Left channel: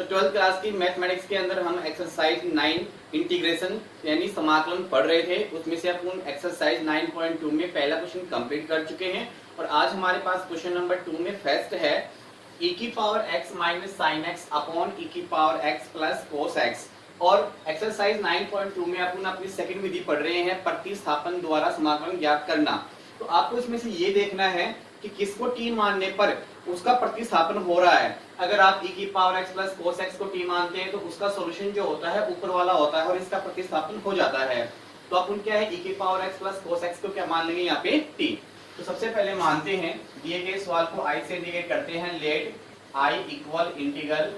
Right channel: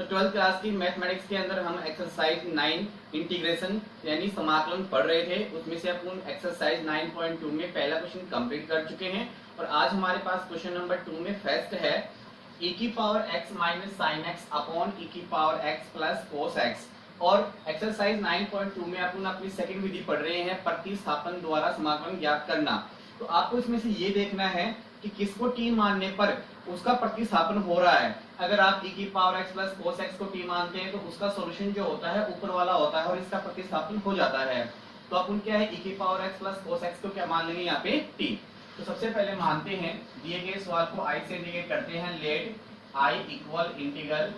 तो 12th class की mathematics के अंदर हम एक्सरसाइज 9 इंटीग्रेशन यानी समाकलन पढ़ रहे थे। उसमें से अपन एक्सरसाइज 9.2 में पहला क्वेश्चन कंप्लीट कर चुके हैं और आज हमारे पास क्वेश्चन नंबर 2 में फर्स्ट है e की power x minus sine x upon e की power x plus cos x. और एक्सरसाइज 9.2 में अपन अपनी सेकंड विधि पढ़ रहे हैं प्रतिस्थापन द्वारा समाकलन ज्ञात करना। तो आपको इसमें से ये देखना है कि किसको t मानने पर उसका प्रतिस्थापन हो रहा है। अगर आप e की power x plus cos x को t मानते हैं तो उसका सॉल्यूशन जो होता है ऊपर वाला होता है और इसका प्रतिस्थापन हो जाता है। तो अपन क्या है e की power x plus cos x को क्या मान लेंगे यहाँ पे t। तो सबसे पहले मानते हैं दिए गए सवाल को i से इंटीग्रेट करते हैं। Let i equal integral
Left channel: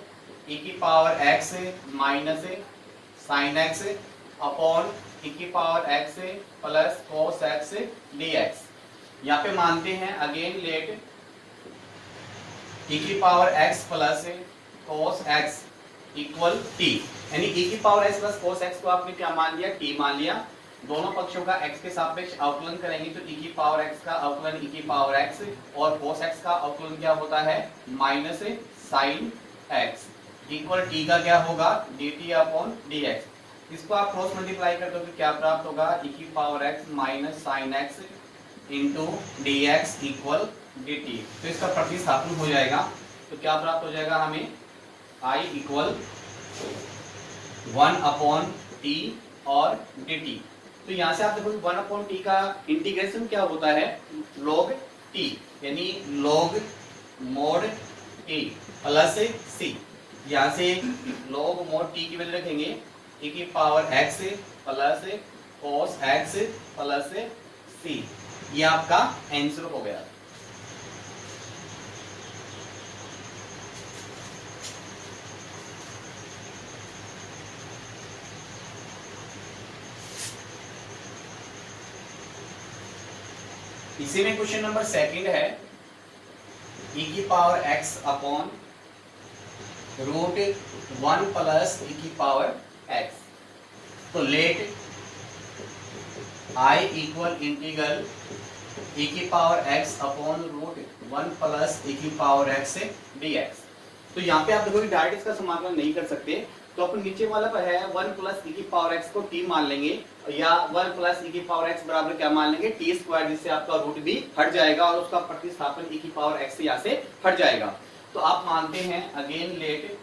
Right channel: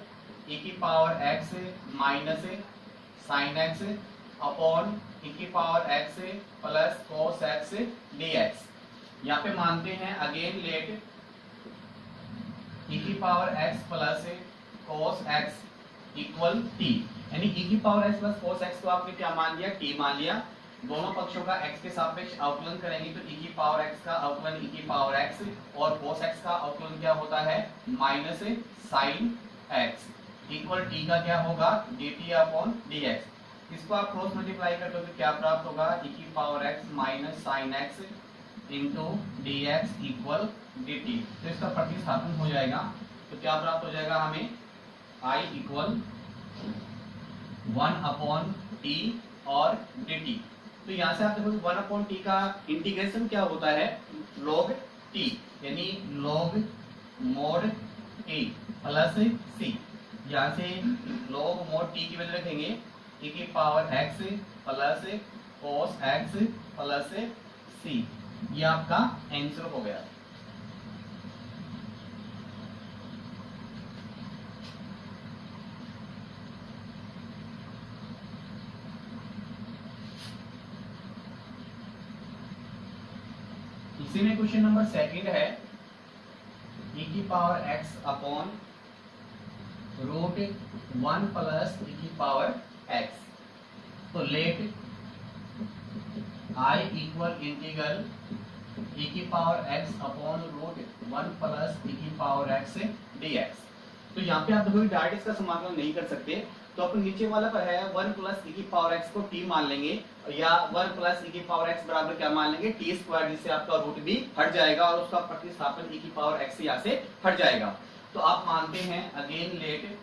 e की power x minus sine x upon e की power x plus cos x dx। यहाँ पे मानते हैं अगेन लेट e की power x plus cos x equal t, यानी e की power x plus cos x को आपने क्या मान लिया t मान लिया। दोनों पक्षों का x के सापेक्ष अवकलन करेंगे तो e की पावर x का अवकलन e की पावर x और cos x का अवकलन क्या होता है minus sine x equal t का क्या होगा dt अपॉन dx। इसको आप क्रॉस मल्टीप्लाई कर दोगे क्या प्राप्त होगा e की power x minus sine x into dx equal dt। तो इसका प्रतिस्थापन हो जाएगा तो क्या प्राप्त हो जाएगा हमें i इक्वल 1 अपॉन t और dt। तो यहाँ से आप देखो 1 अपॉन टी का इंटीग्रेशन क्या होता है log t, यानी log mod t plus c। यहाँ से log mod t की वैल्यू रखेंगे e की power x plus cos x plus c। ये आपका आंसर हो गया। इसी में क्वेश्चन नंबर सेकंड है e की power x upon root 1 plus e की पावर x। तो let i equal integral e की power x upon root 1 plus e की पावर x dx। तो यहाँ पे आप देखो डायरेक्ट इसका समाकलन नहीं कर सकते तो अपन नीचे वाला पर है 1 प्लस e की पावर x को t मान लेंगे या 1 प्लस e की पावर x बराबर क्या मान लेंगे t स्क्वायर, जिससे आपका रूट भी हट जाएगा और उसका प्रतिस्थापन e की पावर x यहाँ से हट जाएगा। तो आप मानते हैं again let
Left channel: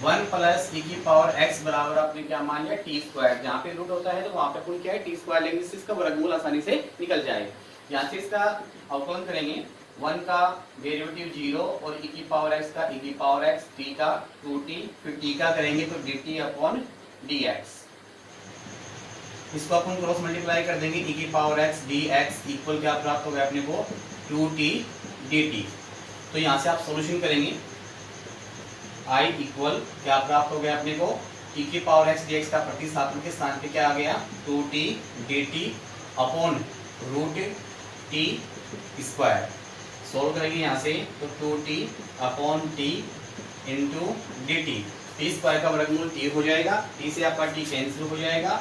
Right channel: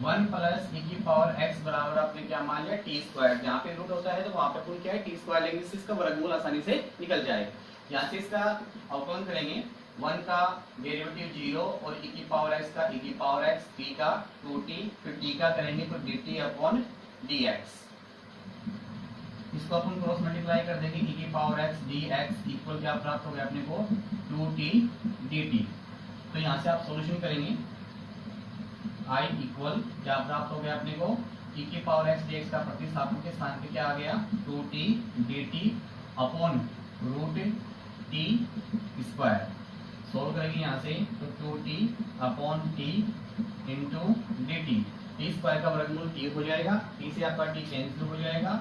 one plus e की पावर x बराबर आपने क्या मान लिया t स्क्वायर। जहाँ पे रूट होता है तो वहां पे कोई क्या है t स्क्वायर लेंगे जिससे इसका वर्गमूल आसानी से निकल जाए। यहाँ से इसका अवकलन करेंगे 1 का डेरिवेटिव 0 और e की पावर x का e की पावर x t का 2t फिर t का करेंगे तो dt अपॉन dx। इसको अपन क्रॉस मल्टीप्लाई कर देंगे e की पावर x dx इक्वल क्या प्राप्त हो गया अपने को 2t dt। तो यहाँ से आप सॉल्यूशन करेंगे i इक्वल क्या प्राप्त हो गया अपने को e की पावर x dx का प्रतिस्थापन के स्थान पे क्या आ गया 2t dt upon root t square. Solve करेंगे यहाँ से तो 2t upon t into dt। t square का वर्गमूल t हो जाएगा, t से आपका t कैंसिल हो जाएगा,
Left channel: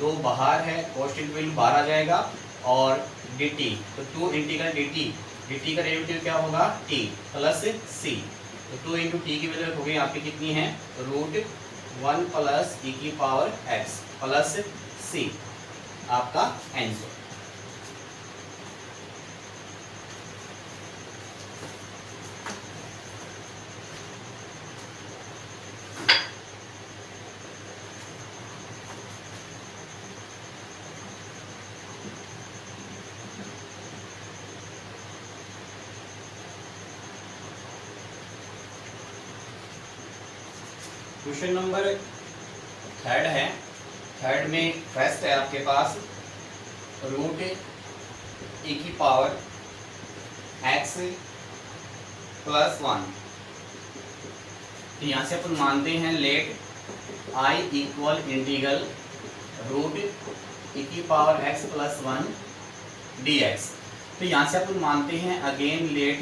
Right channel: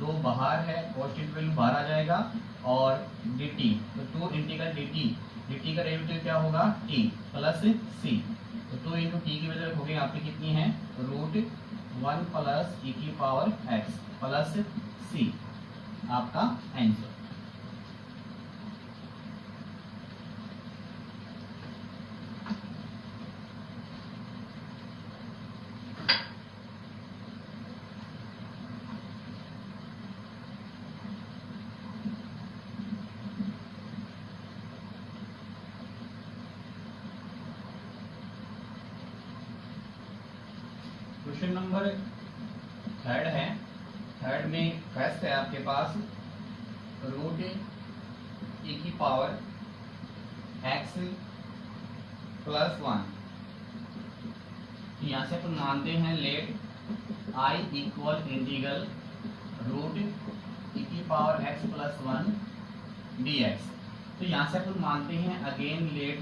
2 बाहर है कांस्टेंट वैल्यू बाहर आ जाएगा और dt तो 2 इंटीग्रल dt, dt का डेरिवेटिव क्या होगा t प्लस c। तो 2 इंटू टी की वैल्यू हो गई यहाँ पे कितनी है रूट 1 प्लस e की पावर x प्लस c आपका आंसर। क्वेश्चन नंबर थर्ड है। थर्ड में फर्स्ट है आपके पास रूट e की पावर x प्लस 1। तो यहाँ से अपन मानते हैं let i equal integral root e की पावर x प्लस 1 dx। तो यहाँ से अपन मानते हैं अगेन लेट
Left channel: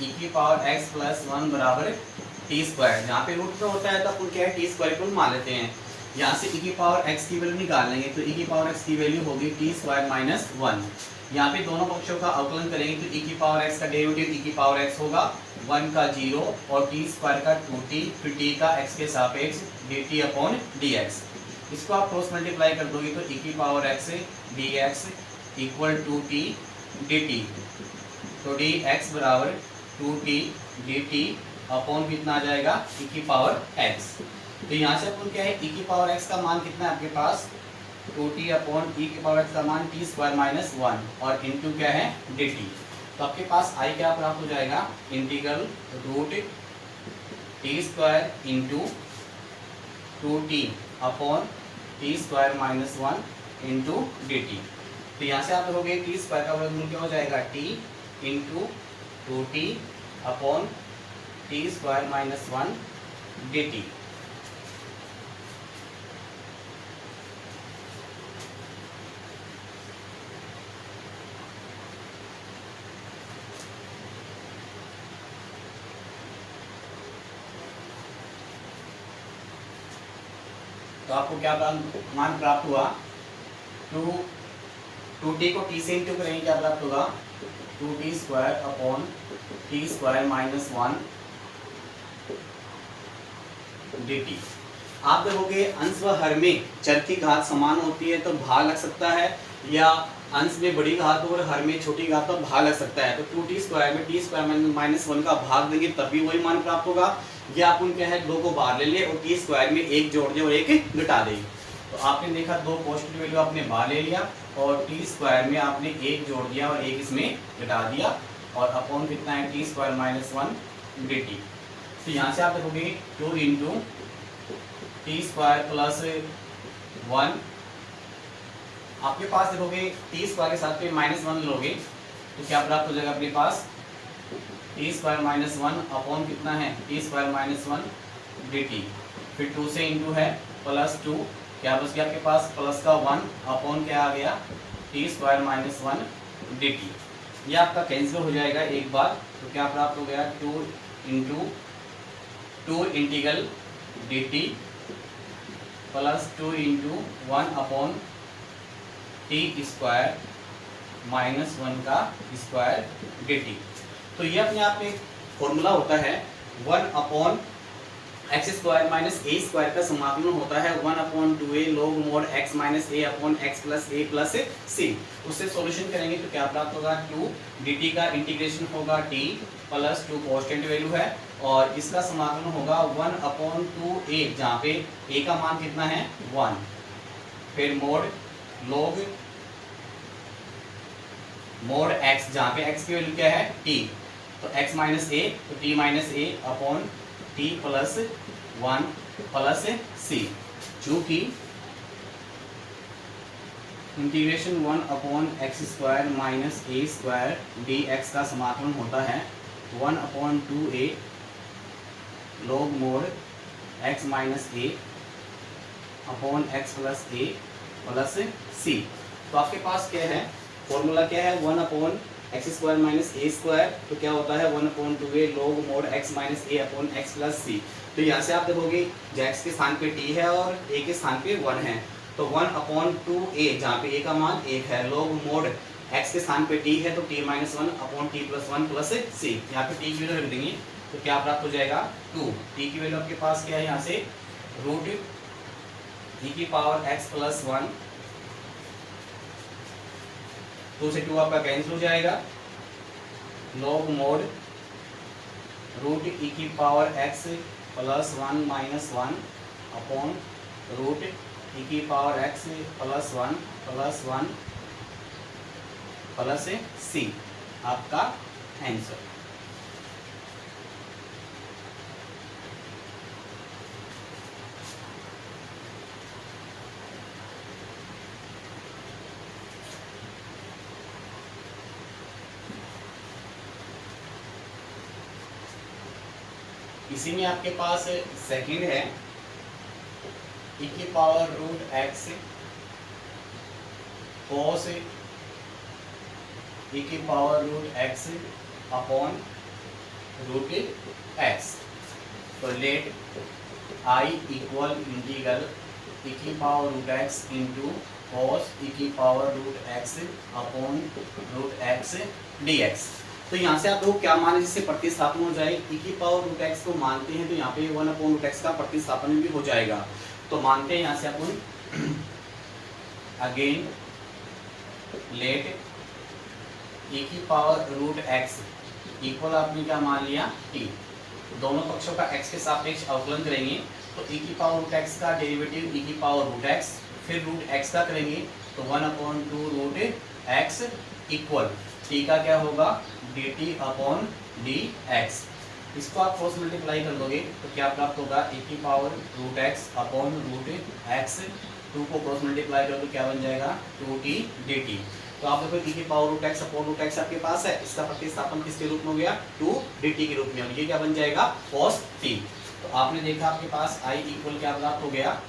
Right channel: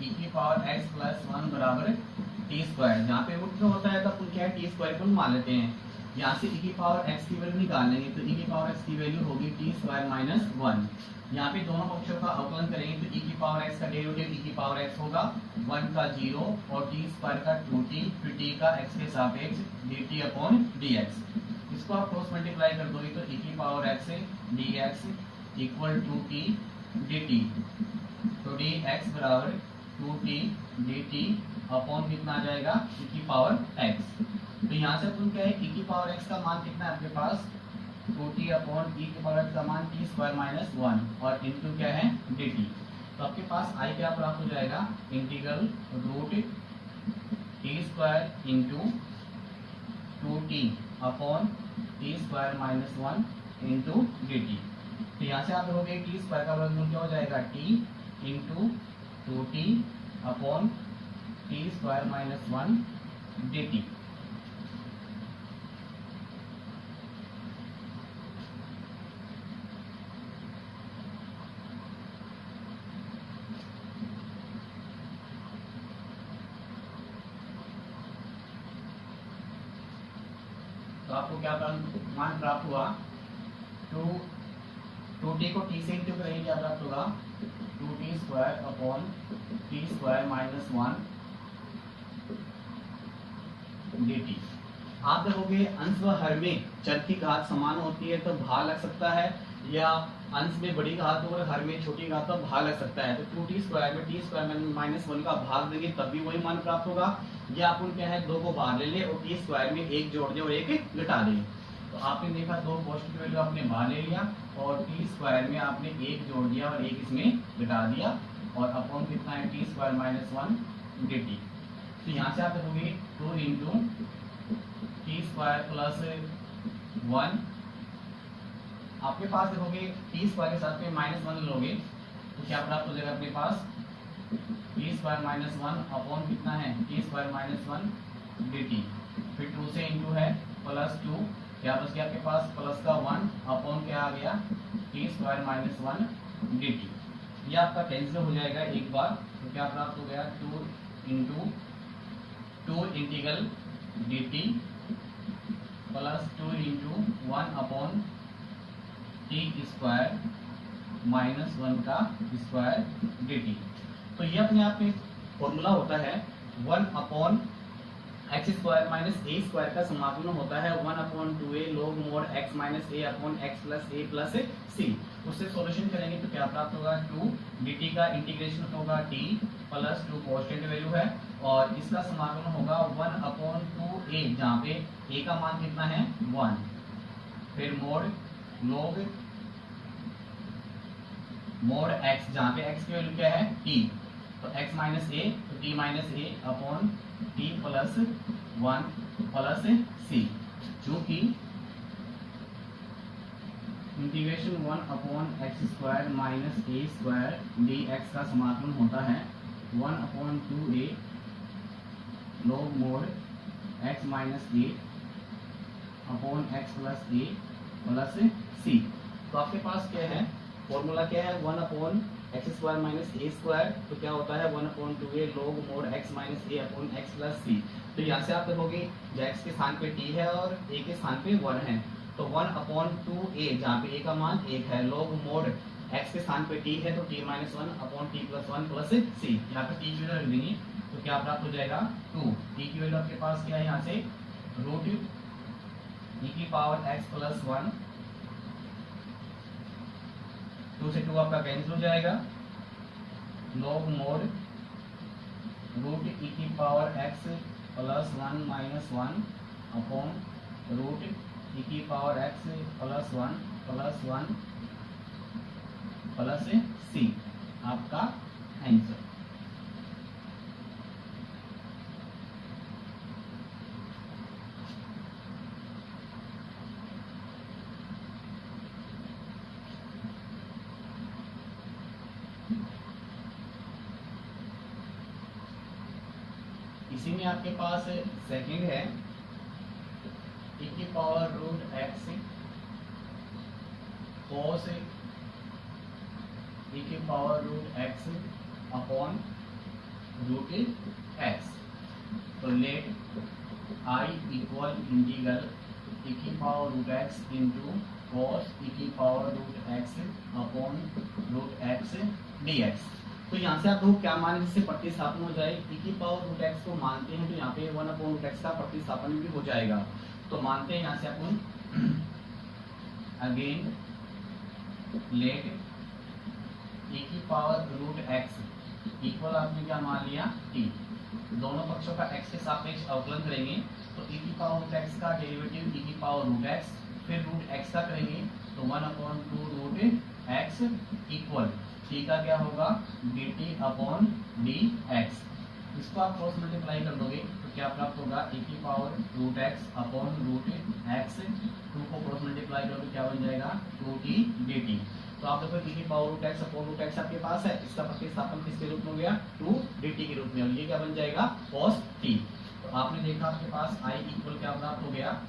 e की पावर x प्लस 1 बराबर टी स्क्वायर। जहाँ पे रूट में होता है तो अपन क्या है टी स्क्वायर को मान लेते हैं। यहाँ से e की पावर x की वैल्यू निकाल लेंगे तो e की पावर x की वैल्यू होगी टी स्क्वायर माइनस 1। यहाँ पे दोनों पक्षों का अवकलन करेंगे तो e की पावर x का डेरिवेटिव e की पावर x होगा 1 का 0 और टी स्क्वायर का 2t, फिर t का x के सापेक्ष dt अपॉन dx। इसको आप क्रॉस मल्टीप्लाई कर दोगे तो e की power x dx equal to t dt, तो dx बराबर 2t dt अपॉन कितना आ जाएगा e की पावर x। तो यहाँ से अपन क्या है e की पावर x का मान कितना है आपके पास 2t अपॉन e की पावर x का मान t स्क्वायर माइनस 1 और इनटू क्या है dt। तो आपके पास i क्या प्राप्त हो जाएगा integral root t square into 2t upon t square minus 1 into dt। तो यहाँ से आप देखोगे टी स्क्वायर का वर्गमूल क्या हो जाएगा T into 2t upon T square minus 1 dt। तो आपको क्या मान प्राप्त हुआ 2t को t से इंटू करेंगे क्या प्राप्त होगा 2t square upon t square minus 1 dt। आप देखोगे अंश व हर में चर की घात समान होती है तो भाग लग सकता है, या अंश में बड़ी घात और हर में छोटी घात तो भाग लग सकता है। तो 2t स्क्वायर में t स्क्वायर माइनस 1 का भाग देंगे तब भी वही मान प्राप्त होगा, या अपन क्या है 2 को बाहर ले लिए और t स्क्वायर में एक जोड़ दें और एक घटा दें। तो आपने देखा 2 पॉजिटिव वैल्यू आपने बाहर ले लिया और t स्क्वायर में आपने एक जोड़ दिया और एक इसमें घटा दिया और अपॉन कितना है t स्क्वायर माइनस 1 dt। तो यहाँ से आप देखोगे 2 इंटू टी स्क्वायर प्लस 1, आपके पास देखोगे टी स्क्वायर के साथ में माइनस 1 लोगे तो क्या प्राप्त हो जाएगा अपने पास टी स्क्वायर माइनस 1 अपॉन कितना है टी स्क्वायर माइनस 1 dt। फिर 2 से इंटू है प्लस 2, क्या बच गया आपके पास प्लस का 1 अपॉन क्या आ गया टी स्क्वायर माइनस 1 dt। ये आपका कैंसिल हो जाएगा एक बार, तो क्या प्राप्त हो गया 2 into 2 integral dt plus 2 into 1 upon T square minus 1 का स्क्वायर dt। तो ये अपने आप में फॉर्मूला होता है 1 upon X square minus A square का समाकलन होता है 1 अपॉन 2a log mod x minus a upon x plus a plus c। उससे सॉल्यूशन करेंगे तो क्या प्राप्त होगा 2 dt का इंटीग्रेशन होगा t प्लस 2 कांस्टेंट वैल्यू है और इसका समाकलन होगा 1 अपॉन 2a, जहाँ पे a का मान कितना है 1, फिर मोड x, जहाँ पे x की वैल्यू क्या है t, तो x माइनस a तो t minus a upon t plus 1 plus c, चूँकि integration 1 upon X square minus A square dx का समाकलन होता है 1 अपॉन 2a log mod x minus a upon x plus a plus c। तो आपके पास क्या है फॉर्मूला क्या है 1 upon X square minus A square, तो क्या होता है 1 अपॉन 2a log mod x minus a upon x plus c। तो यहाँ से आप देखोगे x के स्थान पे t है और a के स्थान पे 1 है, तो 1 अपॉन 2a, जहाँ पे a का मान 1 है, log mod x के स्थान पे t है तो t minus 1 upon t plus 1 plus c। यहाँ पे t की वैल्यू रख देंगे तो क्या प्राप्त हो जाएगा 2। t की वैल्यू आपके पास क्या है यहाँ से रूट e की पावर x प्लस 1, 2 से 2 आपका कैंसिल हो जाएगा, log mod रूट e की power x plus 1 minus 1 upon root e की power x plus 1 plus c, आपका आंसर। इसी में आपके पास सेकंड है e की power root x cos e की power root x upon root x। तो let I equal integral e की power root x into cos e की power root x upon root x dx। तो यहाँ से आप लोग क्या माने, जिससे प्रतिस्थापन हो जाए, e की पावर रूट एक्स को मानते हैं तो यहाँ पे 1 अपॉन रूट एक्स का प्रतिस्थापन भी हो जाएगा। तो मानते हैं यहाँ से अपन अगेन लेट e की पावर रूट एक्स इक्वल आपने क्या मान लिया t। दोनों पक्षों का x के सापेक्ष अवकलन करेंगे तो e की पावर रूट एक्स का डेरिवेटिव e की पावर रूट एक्स फिर रूट x का करेंगे तो 1/2 रूट x इक्वल t का क्या होगा dt अपॉन dx। इसको आप क्रॉस मल्टीप्लाई कर दोगे तो क्या प्राप्त होगा e की power root x upon root x। 2 को क्रॉस मल्टीप्लाई करोगे तो क्या बन जाएगा 2t dt। तो आप देखो e की power root x upon root x आपके पास है, इसका प्रतिस्थापन किसके रूप में हो गया 2 dt के रूप में, और ये क्या बन जाएगा cos t। तो आपने देखा आपके पास i इक्वल क्या प्राप्त हो गया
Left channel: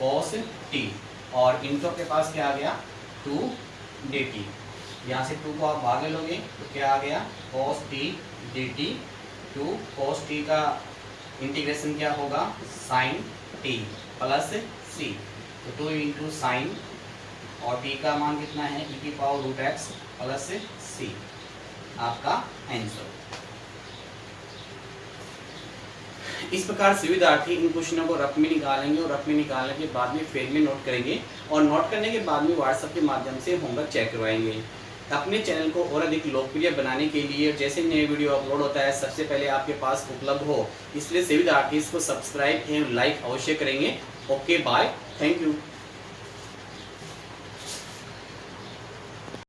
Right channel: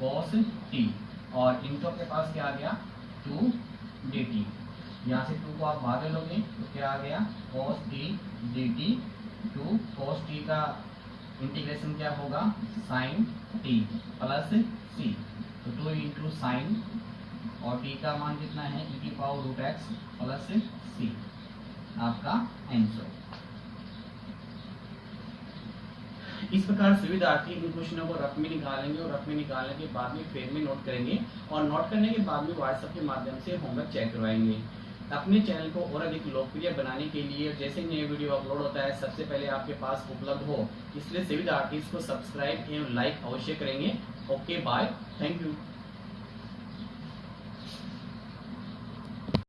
cos t और इनके आपके पास क्या आ गया 2 dt। यहाँ से 2 को आप भाग लोगे तो क्या आ गया cos t dt। 2 cos t का इंटीग्रेशन क्या होगा sin t प्लस c। तो 2 इंटू साइन और t का मान कितना है e की power root x plus c आपका आंसर। इस प्रकार से विद्यार्थी इन क्वेश्चनों को रफ में निकालेंगे और रफ में निकालने के बाद में फेल में नोट करेंगे और नोट करने के बाद में व्हाट्सएप के माध्यम से होमवर्क चेक करवाएंगे। अपने चैनल को और अधिक लोकप्रिय बनाने के लिए जैसे नए वीडियो अपलोड होता है सबसे पहले आपके पास उपलब्ध हो, इसलिए सभी विद्यार्थी इसको सब्सक्राइब एवं लाइक अवश्य करेंगे। Okay bye, thank you.